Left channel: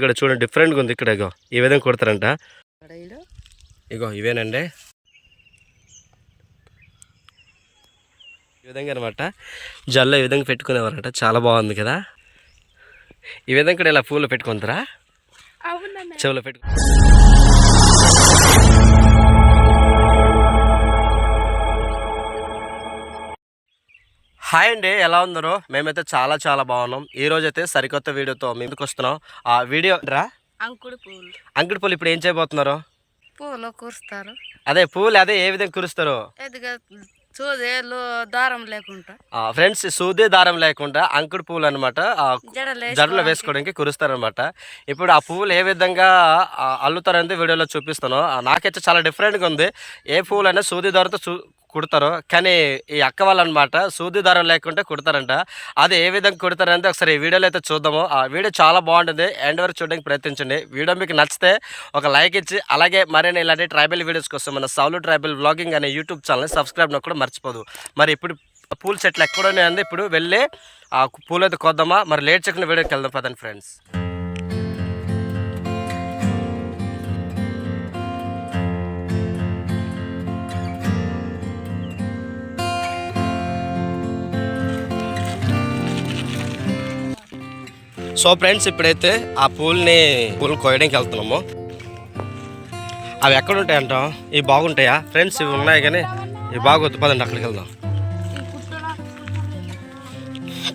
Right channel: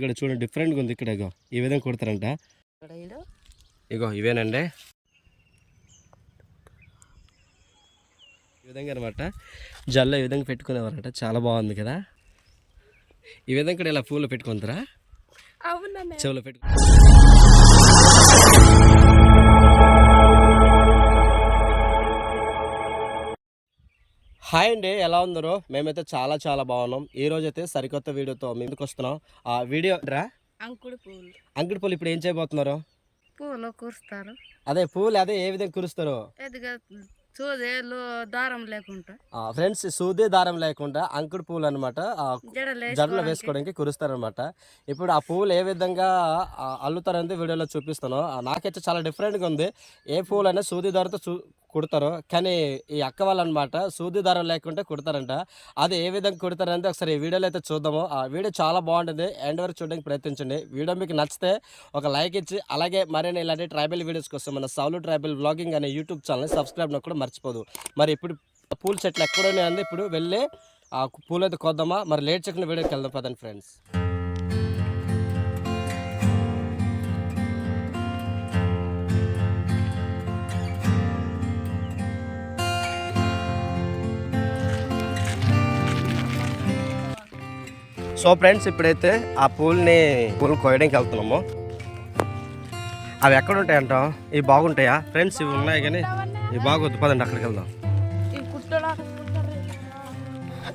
ఇక్కడ చూడండి డిఫరెంట్గా ఉంది ఇక్కడ ఇగో. ఈ విధంగా కుడతారంట. ఇగో ఇవేనండి. ఈ విధంగా అనమాట జల్లో ఈ విధంగా పెట్టుకునేవారంట. చాలా బాగుంది కదా. ఈ విధంగా కూడా ఇలా పూలు పెట్టుకుంటారా? చెవులో పెట్టు హాయ్ అండి ఎలా ఉందరో మేమైతే చాలా చాలా బాగున్నాం. ఈ రోజు అయితే సరికొత్త వీడియోతో మీ ముందుకు వస్తున్నాం. ఆ వీడియో రా. అంకుడు పూలు. అంగడి పూలు ఇప్పుడు ఏం చేయబోతున్నారు? పూలు కూరుస్తారు. అదే పూలు అదే ఏ విధంగా కురుస్తారు? దారం లేకుండా. ఫ్రెండ్స్ సూది దారం లేకుండా అంకుడు పూలు అనమాట జడలు వేసుకోవడానికి. కురుస్తారనమాట ఇప్పుడు ఆ పువ్వులు ఏ విధంగా అల్లుతారనేది వీడియోలో చూపిస్తాను నాకైతే చాలా డిఫరెంట్గా ఉంది. ఏ పువ్వులు అయినా సూది దారంతో చూ కుడతారు కానీ ఈ అక్క వాళ్ళు అనమాట సూది దారం లేకుండా కుడతారంట. అది ఏ విధంగా కుడతారంటే ఒకసారి ఈ వీడియోలో అయితే చూద్దాము. ఆ వీడియో చాలా బాగుంటుంది. ఎండ్ వరకు చూడడానికి ప్రయత్నించండి. వీడియో మీకు నచ్చితే ఒక లైక్ ఇచ్చి అలాగే మరైనా ఇలాంటి ట్రైబల్ వీడియోస్ కోసం మన సౌలు ట్రైబల్ బ్లాగింగ్ అనే యూట్యూబ్ ఛానల్ సబ్స్క్రైబ్ కూడా మర్చిపోదు. మరి ఇప్పుడు పూల చెట్లు ఎక్కడ ఉన్నాయండి? ఇప్పుడు వెళ్ళి ఆ పూలు అయితే కొద్దామా? మరి లేట్ చెక్కిన వీడియోకి వెళ్దాం పదండి ఫ్రెండ్స్. సో ఫ్రెండ్స్ ఇప్పుడైతే ఆ పూల్ని పూలు కోయడానికి వెళ్తున్నాము. అవి ఎక్కడ ఉంటాయి అంటాం ఇవి బాగుంటాయా? ఫ్రెండ్స్ ఇవి ఉన్నాయి కానీ ఇవి బాగొద్దు పదండి అక్కడికి వెళ్దాం.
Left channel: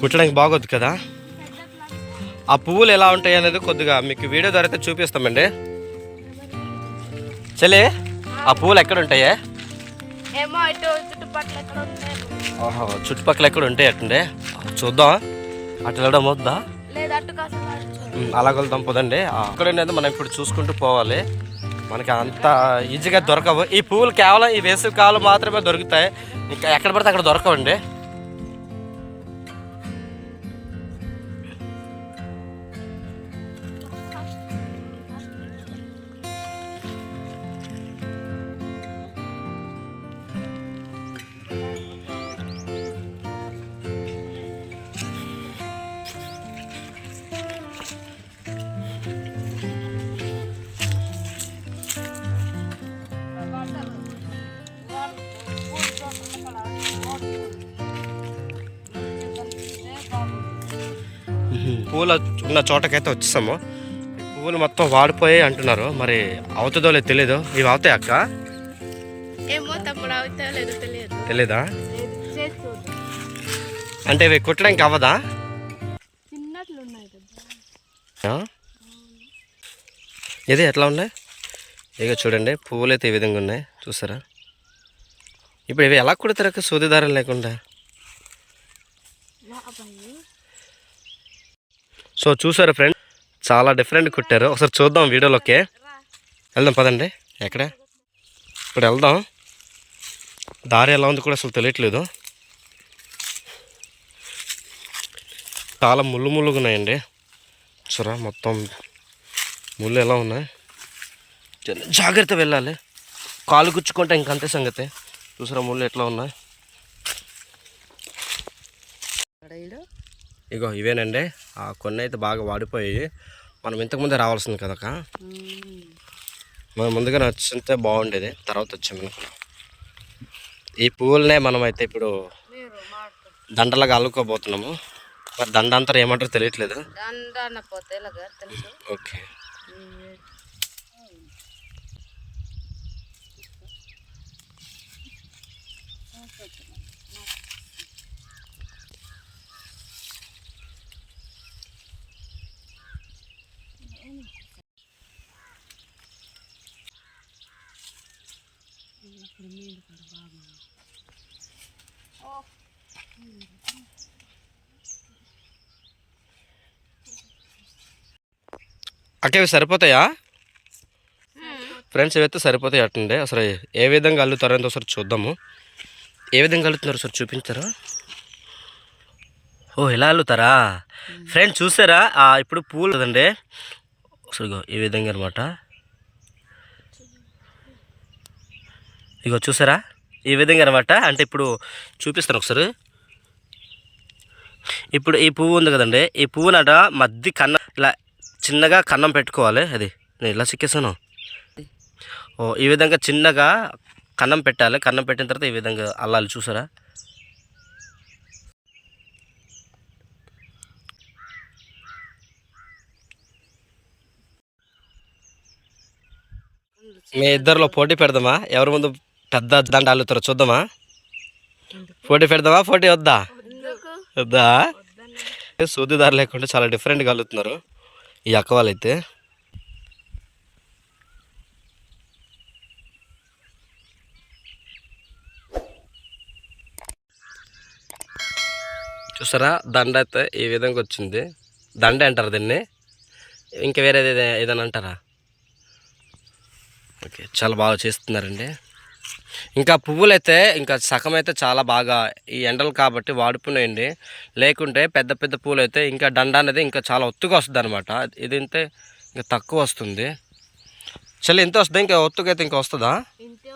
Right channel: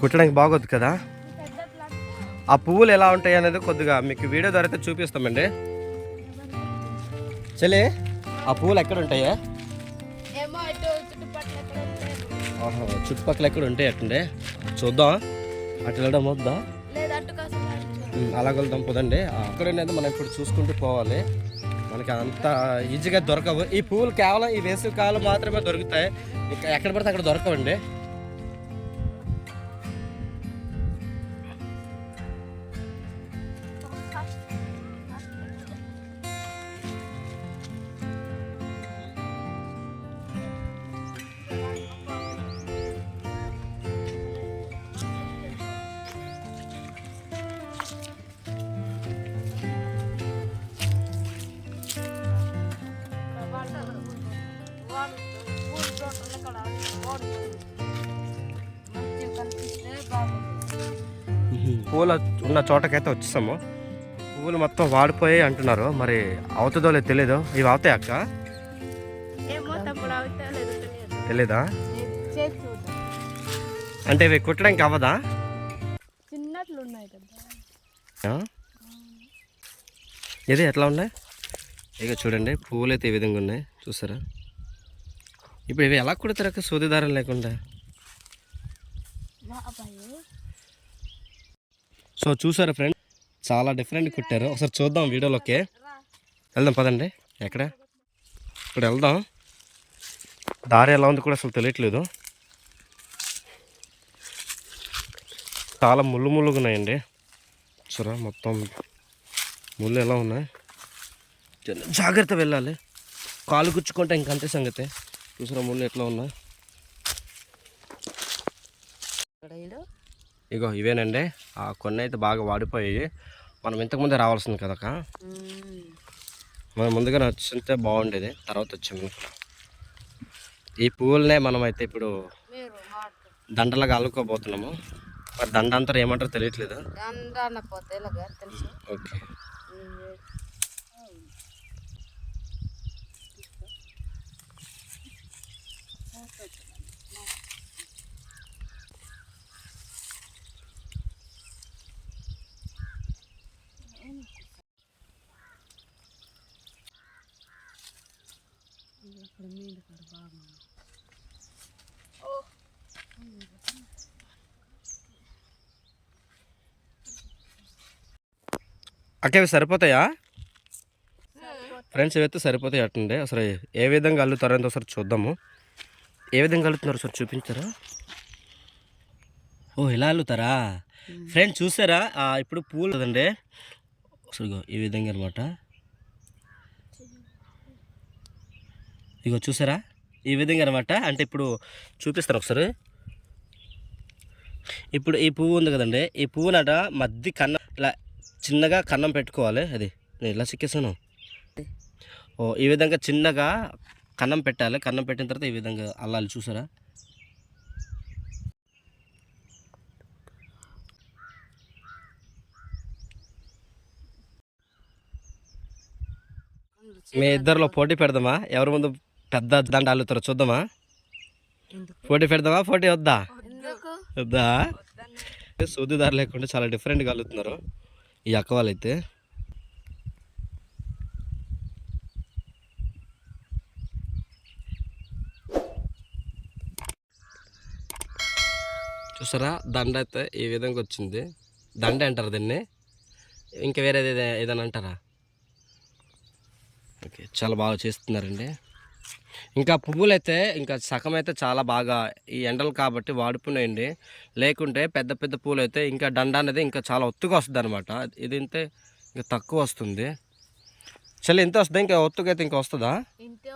కుట్టడానికి బాగొద్దు కదా? ఆ పువ్వులు ఎలా ఉంటాయి అనేది కొద్దిగా మీకు వీడియో ద్వారా అయితే చూపిస్తామండి. చెల్లి ఆ పువ్వులు ఎక్కడ ఉంటాయే చుట్టుపక్కల ఎక్కడ ఉంటాయి ఆహా, చుట్టుపక్కల ఎక్కడ ఉంటాయి అట్టండి చూద్దాం. అటు వెళ్ళడం వద్దా? లేదు అటు అక్కడనేది అలా మనం ఇప్పుడు చూసుకుంటూ పోవాలి. మనకి అంత ఈజీగా దొరకవు. ఈ పువ్వులు కేవలం ఈ వేసవి కాలం మాత్రమే దొరుకుతాయి. ఇంకా ఎక్కడ పడితే అక్కడ దొరకవండి. పూలు ఉన్న చోటకైతే వచ్చేసాము. పువ్వులు మొత్తం వాడిపోయి అంటున్నారు. మరి అవుతుందో లేదో తెలీదు. ఇవి అవుతాయి అక్క? తెలీదా. అంటే ఇవి కుట్టడానికి అవ్వదా? ఇది ఎట్లా ఉన్నాయి? ఇక చూడండి పువ్వులు అయితే ఈ విధంగా ఉన్నాయి. చూసారా? ఇప్పుడు ఇవి ఎలా కుడతారు అక్క? సూది దారం లేకుండా? సో చూసారు ఫ్రెండ్ చాలా డిఫరెంట్ కుట్టారు. ఒకసారి చూద్దాం వీడియోలోకి. వెళ్దాం పదండి. ఎక్కడ? ఇప్పుడు వెళ్దాం. దారి ఎలా ఉంది కూడా అసలు తెలియట్లేదు. చాలా ముళ్ళు ముళ్ళుగా ఉన్నాయండి. చూరా మొత్తం ముళ్ళు ఎలా ఉన్నాయి? జాగ్రత్త వెళ్ళాలి. కాలు గుచ్చుకుంటే ఇంకంతే సంగతి. చూసారా? ముళ్ళు ఎట్లా ఉన్నాయి? ఇగో ఇవేనండి. ఆ కొన్ని అయితే బాగా వాడిపోయాయి. మనం ఇంతకుముందే రావాల్సింది కదక మనం ముందుగానే వచ్చింటే బాగుండేది. తర్వాత వచ్చాము అనుకున్నాం ఈ పువ్వులనే మనం అయితే ఇప్పుడు దండలాగా అల్లుకోబోతున్నాము. మరి దండ అంతా ఏమంటారో తెలియట్లేదు. దండాన పోతే ఇలాగా తెలుసు ఓకే అక్క ఇవి సరిపోతాయా? ఫ్రెండ్స్ ఇవైతే సరిపోతాయి అట్టండి. అసలు ఏ విధంగా అల్లుతారో అనేది ఒకసారి చూద్దాము. ఏ విధంగా అల్లుతున్నారు సార్ చూపించారా? ఓ ఇలా అల్లుతారా? ఫ్రెండ్స్ చూసారా? ఆ, ఇప్పుడు పూలు కదండి. ఒకసారి ఇగో ఈ విధంగా అనమాట ఇగో చూసారా? ఈ విధంగా అనమాట అంటే ఇప్పుడు చూపిస్తాను ఒకసారి. ఇప్పుడు ఈ పువ్వు ఉంది కదండి. ఈ పువ్వునట మధ్య కన్నం ఇలా చిన్నగా కన్నం పెట్టుకోవాలి. అది నేను ఇలా చిక్కేసాను ఓ ఈ విధంగా చిన్నగా కన్నం పెట్టాలి. కన్నం పెట్టిన తర్వాత ఈ విధంగా అల్లాలి. చూసారా? మీ ఇద్దరిలో పోటీ పెడదామా? ఎవరి ముందు పెద్ద దండ అల్లుతారో చూద్దామా? పోటీ పెడదామా? పోటీ వద్దా? వద్దా? సూదిదారు లేకుండా చాలా డిఫరెంట్గా అల్లుతున్నారు. ఈ అక్క వాళ్ళైతే. చూసారా? దండ అయితే ఈ విధంగా వచ్చింది. దండ అంటారు దీన్ని. ఇంకా వేరేది ఏదే- ఏదైనా అంటారా? ఓకే చాలా బాగా చేస్తున్నారండి. ఇంకా పువ్వులు అయితే ఇంకా సగం అయితే చాలా బాగా ఈ ఎండలు కాబట్టి వాడిపోయినాయండి లేకుంటే పెద్ద పెద్ద పువ్వులు అయితే ఇంకా దండ అనేది ఇంకా చాలా ఒత్తుగా వస్తుంది అనమాట ఇది అయితే ఇంకా తక్కువ వస్తుంది. చలి ఎంత వస్తుంది? ఇంకా ఒత్తుగా అయితే ఇంకా వస్తుందా? ఇంతే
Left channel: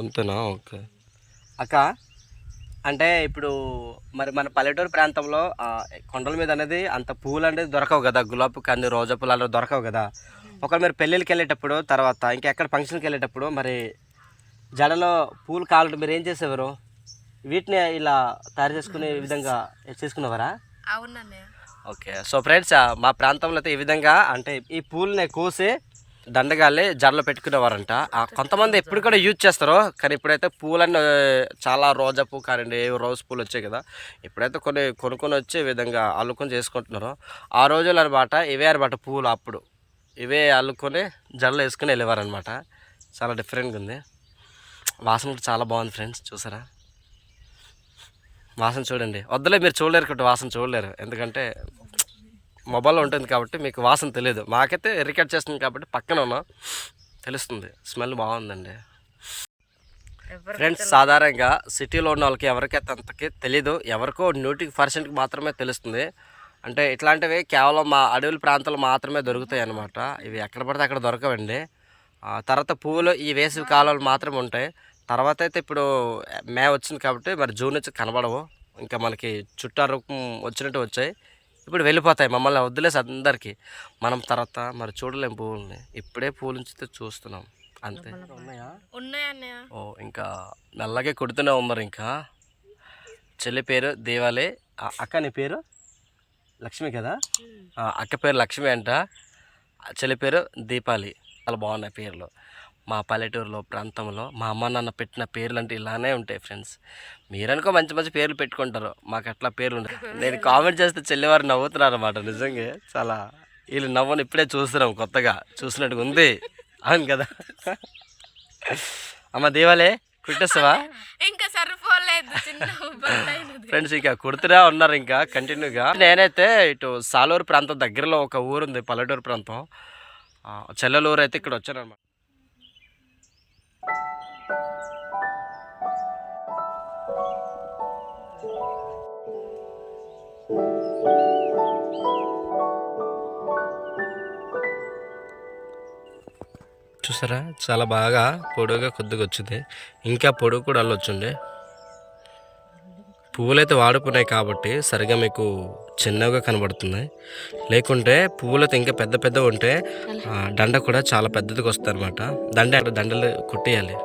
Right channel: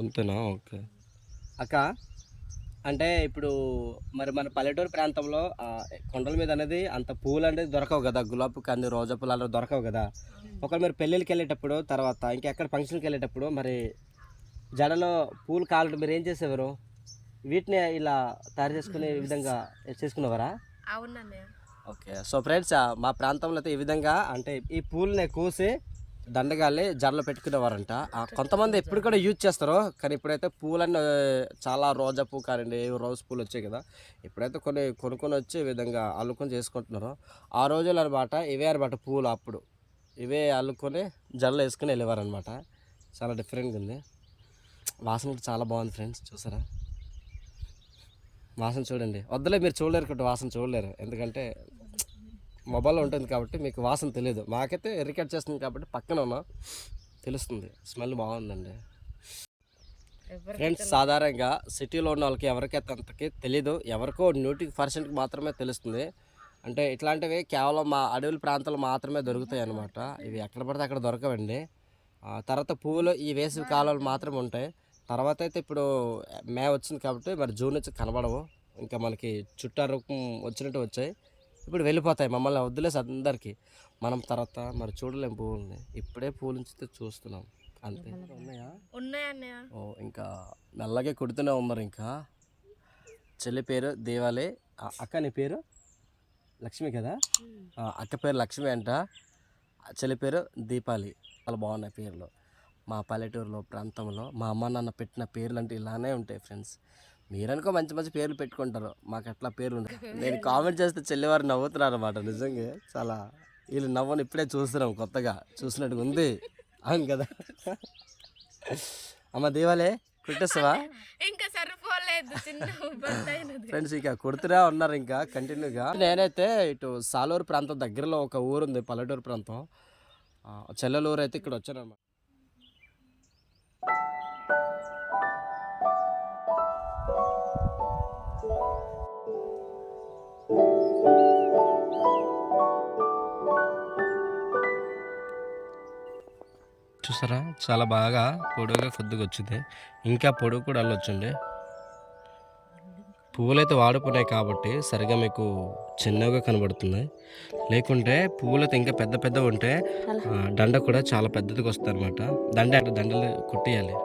అంతేనా? ఓకే. అక్క అంటే ఇప్పుడు మరి మన పల్లెటూరు ప్రాంతంలో కొండల మీద అనేది అంత పూలు అనేది దొరకవు కదా. గులాబీ కంది రోజా పూలు అలా దొరకవు కదా. ఒకవేళ మీరు పెళ్ళిళ్ళకి వెళ్ళేటప్పుడు తర్వాత ఇంకెక్కడ ఫంక్షన్కి వెళ్ళేటప్పుడు మరి జడలో పూలు కావాలంటే మీరు ఏం చేసేవారు? వీటిని ఇలా తయారు చేసుకునే విధంగా చేసుకునేవారా? ఓకే. సో ఫ్రెండ్స్ మా ప్రాంతంలో అయితే ఈ విధంగా అంటే ఈ పూలని కోసి దండగాలి జడలో పెట్టుకునేవారంట. ఆ, కొంతమంది ఎప్పుడు కూడా యూజ్ చేస్తారు కానీ ఇప్పుడైతే పూలన్నీ చాలా రోజా పువ్వు కానివ్వండి రోజ్ పూలు వచ్చాయి కదా ఇప్పుడైతే కొన్ని కొనుక్కొని వచ్చి విధంగా అల్లుకొని చేసుకుంటున్నారు. ఆ రోజులు అనమాట ఇవే అనమాట పూలు అప్పుడు. ఇవే అల్లుకొని జడలో వేసుకొని వెళ్ళేవారనమాట చాలా డిఫరెంట్గా ఉంది. వాసన కూడా చాలా బాగుంది ఫ్రెండ్స్ చూసారా? వాసన చూడండి. వద్దలే మీరు చూడలేరు కాబట్టి వాసన చూడలేరు. ఎందుకంటే మొబైల్లో ఉంటుంది కాబట్టి మీకు వాసన తెలియదు. మాకైతే రికార్డ్ చేస్తుంది కాబట్టి పక్కన ఉన్నాం. తెలుస్తుంది. స్మెల్ బాగుందండి. ఫ్రెండ్స్ సాధారణంగా సిటీలో ఉన్న వాళ్ళకి ఎవరికైతే అంతకి తెలీదు. ఎవరికో నూటికి పర్సెంట్కి మాత్రమే తెలుస్తుంది. అంటే ఇట్లాంటివి కేవలం మా అడవుల ప్రాంతాలు మాత్రమే దొరుకుతాయి అన్నమాట. ఇవి ఎక్కడ పడితే అక్కడ దొరకవండి. తర్వాత పువ్వులు ఈ వేసవి కాలాలు మాత్రమే ఉంటాయి. తర్వాత అయితే ఇప్పుడు మే వచ్చింది కాబట్టి మరి జూన్ నుంచి కనబడవు. ఇంకా మనకి చుట్టా రూపం వచ్చినట్టు వచ్చాయి. ఇప్పుడు వెళ్ళిపోతాయి మమ్మల్ని వదిలేసి అందరికీ. మనం తర్వాత మరి చూడలేం పువ్వుల్ని ఇప్పుడే పూలు నుంచి చూస్తున్నాం. అంతే. ఓ ఇంకా నల్లగే కొడుతూనే ఉన్నారు ఇంకా. చెల్లి పేరు దేవాలే అక్క నీ పేరు? లక్ష్మి కదా? అక్క పేరు లక్ష్మి అంట. ఆ చెల్లి పేరు దీపాలి. చాలా బాగున్నాయి పేర్లు. మా పల్లెటూరులో ప్రాంతంలో మా అమ్మ నాన్న పెట్టిన పేర్లు అంటే ఇలానే ఉంటాయి ఫ్రెండ్స్. మీరనుకో మంచి మంచి పేర్లు పెట్టుకుంటారు. మాకు అట్లా పేర్లు ఉంటాయి నేను కామెంట్ చేస్తే చెల్లివారు నవ్వుతున్నారు అనమాట నిజంగా. చాలా వీళ్ళు నవ్వని ఇప్పుడే చూస్తున్నాం కొత్తగా. చూసినట్టుగా ఉంది. అవును కదా? అమ్మ దేవాలే కుట్టేస్తావా? ఇంకా సరిపోలేదు ఫ్రెండ్స్ ఇక కుడుతూనే ఉన్నారు ఇంకా కంటిన్యూగా. నేనైతే ఇటు సాలూరు ప్రాంతం దగ్గరలో ఒక ఊరు ఉంది పల్లెటూరు ప్రాంతం. చెల్లెలూరు అయితే ఇక్కడ వచ్చాను అనమాట చూసారా? చాలా బాగా పొడవుగా కొద్దిగా వచ్చింది. ఇంకా పొడుగు కూడా అల్లొచ్చుండే పువ్వులైతే వాడిపోయినాయి కాబట్టి సరిగా మీకు చిన్నగా కనబడుతున్నాయి. లేకుంటే పువ్వులైతే ఇంకా పెద్ద పెద్ద ఉంటే దండ కూడా చాలా పెద్దదిగా వస్తుంది అనమాట దండ దండలు కొట్టేయాలి.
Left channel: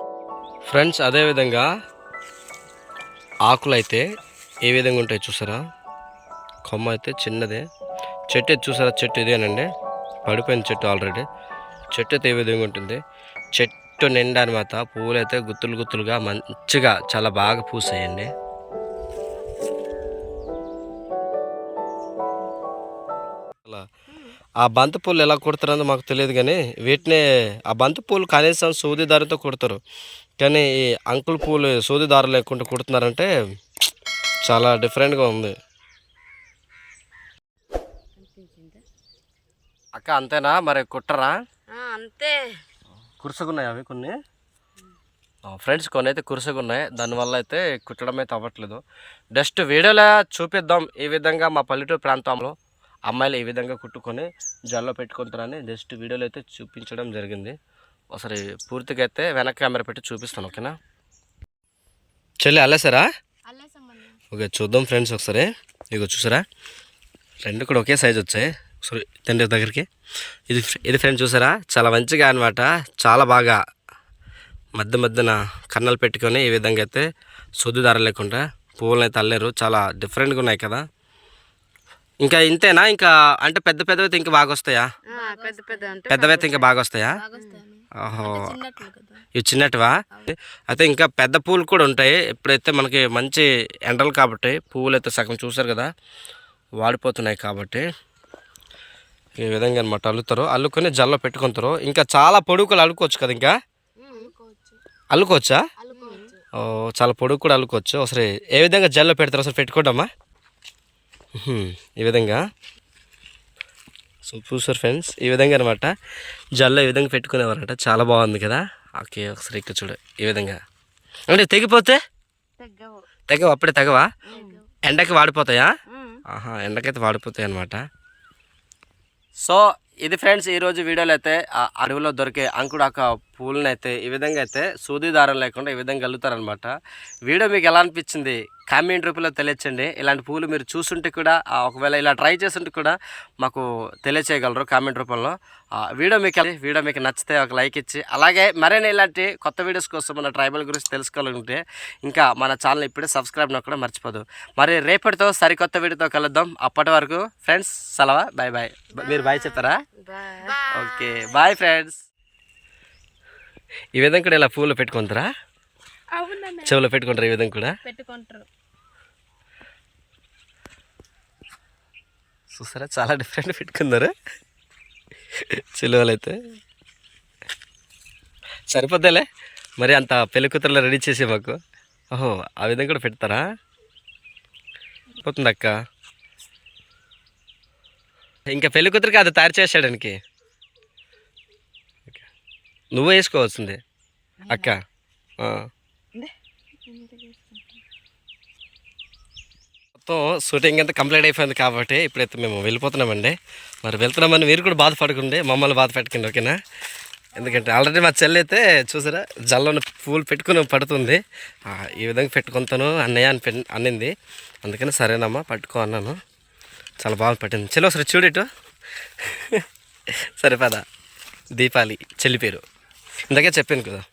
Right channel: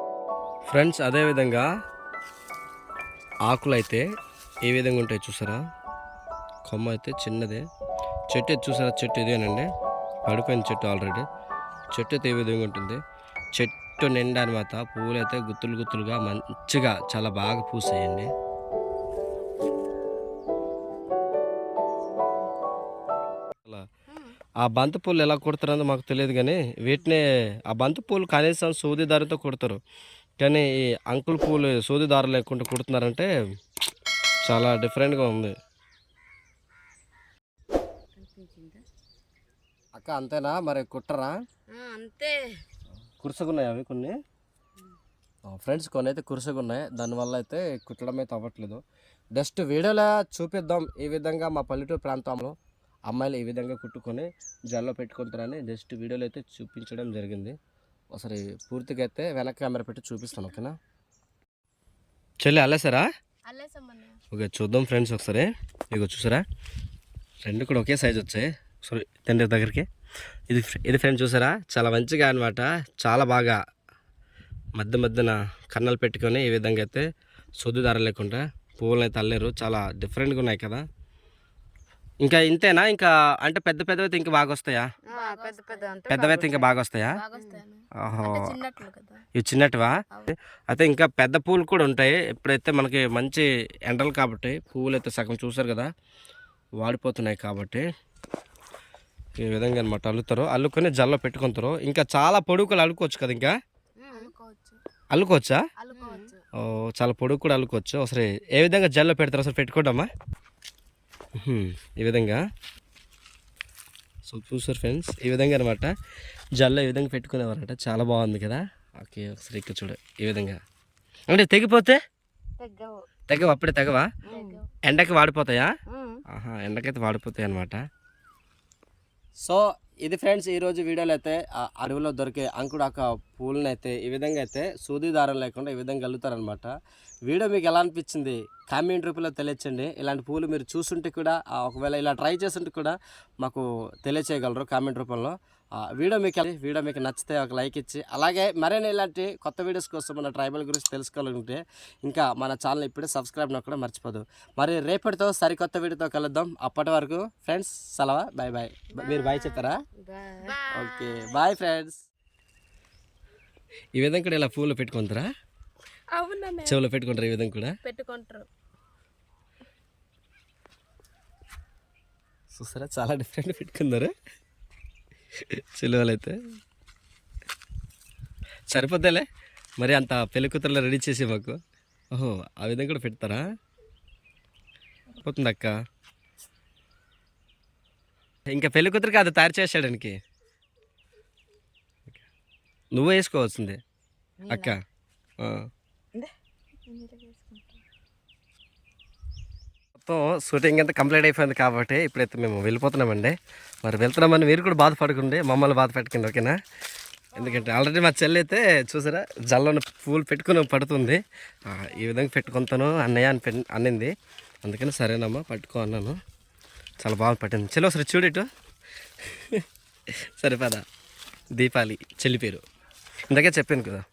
ఫ్రెండ్స్ అదేవిధంగా ఆకులు అయితే ఏ విధంగా ఉంటాయి చూసారా? కొమ్మ అయితే చిన్నదే. చెట్టు అయితే చూసారా? చెట్టు ఇదేనండి పడిపోయిన చెట్టు ఆల్రెడీ చెట్టు అయితే ఏ విధంగా ఉంటుంది? చెట్టు నిండా అనమాట పువ్వులు అయితే గుత్తులు గుత్తులుగా మంచిగా చాలా బాగా పూసాయండి. అలా. ఆ బంతి పూలు ఎలా కుడతారో మాకు తెలియదు కానీ వీటిని ఆ బంతి పూలు కనీసం సూది దారితో కుడతారు. కానీ ఈ అంకుల్ పూలు సూది దారి లేకుండా కుడుతున్నారంటే చాలా డిఫరెంట్గా ఉంది. అక్క అంతేనా? మరి కుట్టరా? అంతే. కురుసగున్నాయి అవి కొన్ని? ఫ్రెండ్స్ కొన్ని అయితే కురుసగున్నాయి. దానివల్ల అయితే కుట్టడం అయితే అవ్వట్లేదు జస్ట్ వీడియోలో చూపిద్దాం ఈ విధంగా మా పల్లెటూరు ప్రాంతంలో అమ్మాయిలు ఈ విధంగా కుట్టుకొని జల్లో పెట్టుకుంటారని జస్ట్ వీడియోలో అయితే చూపించడం జరిగింది. ఒకసారి పూర్తిగా అయితే వెనక కెమెరా పెట్టి చూపిస్తాను ఓకేనా? చెల్లి అల్లేసారా ఓకే చూద్దాం ఫ్రెండ్స్ ఒకసారి. ఇగో చూసారా? రెండు కూడా ఒకే సైజ్ వచ్చాయి. సారీ తండ్రి దగ్గరికి. ఇది ఇది ఫ్రెండ్ చూసారా? చాలా మంచిగా అనమాట. చాలా బాగా మధ్య మధ్యన కన్నలు పెట్టుకొని ఈ విధంగా అయితే సొద్దు దార లేకుండా పువ్వులను అయితే అల్లారు. చాలా డిఫరెంట్గా ఉన్నాయి కదా. ఇంకా ఇంతేనా? ఇంకా అంటే పెద్ద పెద్దవైతే ఇంకా బాగా వస్తాయా? పెద్ద పెద్ద అంటే పెద్దవైతే ఇంకా బాగా వస్తాయా? ఓహో. ఇవి చిన్నటివా? అయితే ఇంకా పెద్ద పూలు కూడా ఉంటాయి. ఎప్పుడైతే మనకి మంచి ఎండలు కాబట్టి పువ్వులు అయితే సగం చూసారు కదా వాడిపోతున్నాయి కాబట్టి. ఈ విధంగా అనమాట అల్లుతారు. అల్లుకొని జల్లో పెట్టుకుంటారు. ఇంకా చాలా పొడుగులు అల్లుకోవచ్చు కదా ఇంకా? అల్లుకోవచ్చా? ఓ చాలా పొడుగు కూడా అల్లుకోవచ్చు. ఒకసారి ఏ విధంగా జల్లో పెడతారు? ఒకసారి పెట్టుకోండమ్మా. ఈ విధంగా. సో చూసారు ఫ్రెండ్స్. ఈ విధంగా అనమాట జల్లో ఈ విధంగా పెట్టుకునేవారట. చాలా బాగుంది కదా? ఓకే ఒకసారి ఇక్కడ చూడు. ఈ విధంగా. అంటే తెగిపోతే? తెగవు. అప్పుడే తెగవా? ఎండకి వాడిపోతాయా? ఆహా ఎండకైతే వాడిపోతాయి అనమాట సో ఇది ఫ్రెండ్స్ ఈరోజు వీడియోలో అయితే ఆ అడవిలో దొరికే అంకుడాక పూలను అయితే ఈ విధంగా అయితే సూది దారం లేకుండా ఈ విధంగా అల్లుతారనమాట వీడియో మీకు ఎలా అనిపించింది? కామెంట్ రూపంలో తెలియచండి. ఇలాంటి పూలు మీరు చూసుంటే కూడా ఒకవేళ ఇలా ట్రై చేస్తుంటే కూడా మాకు తెలియచేయగలరు కామెంట్ రూపంలో. వీడియో మీకు వీడియో మీకు నచ్చితే ఒక లైక్ ఇచ్చి అలాగే మరైనా ఇలాంటి కొత్త వీడియోస్ కోసం మన ట్రైబల్ గురించి తెలుసుకోవాలంటే ఇంకా మన ఛానల్ ఇప్పుడే సబ్స్క్రైబ్ కూడా మర్చిపోదు. మరి రేపటితో సరికొత్త వీడియోతో కలుద్దాం. అప్పటి వరకు ఫ్రెండ్స్ సలవా. బాయ్ బాయ్ మీరు బాయ్ చెప్పారా ఓకే బాయ్ ఫ్రెండ్స్ ఈ విధంగా కూడా ఇలా పూలు పెట్టుకుంటారా? అవునన్నా. చెవులో పెట్టుకుంటారు ఈ విధంగా కూడా? పెట్టుకుంటారు. చూసారా? చాలా డిఫరెంట్ పెట్టుకున్నారు. చిలువలు అయితే సరిపోద్దేలే. మరి అంత పెళ్ళి కూతురులో రెడీ చేసి మాకు. ఓహో ఆ విధంగా కూడా పెడతారా? పోతుంది అక్క ఇంకా పెళ్ళి కూతురికి అది తయారు చేసాడానికి నువ్వు వేసుకోవాల్సిందే. అక్క. మొత్తం షూటింగ్ అంతా కంప్లీట్ అయిపోయింది కాబట్టి ఇప్పుడైతే మేము వెళ్ళిపోతున్నామండి. మరి వెళ్తున్నామని మీరు కూడా బాధపడకండి మమ్మల్ని బాధ పెట్టకండి ఓకేనా? ఎందుకంటే ఆల్రెడీ మా చెల్లి అయితే చూసారా జల్లోన పూలు పెట్టుకుని పడుతుంది. ఈ విధంగా పెట్టుకుంటాను అన్నయ్య అని అన్నింది. అందుకని సరేనమ్మా పట్టుకో అన్నాను. చాలా బాగా పట్టింది. చెల్లి ఒకసారి చూడేటు సరే పద. దీపాలి చెల్లి పేరు. ఇందాకే చెప్పాను కదా.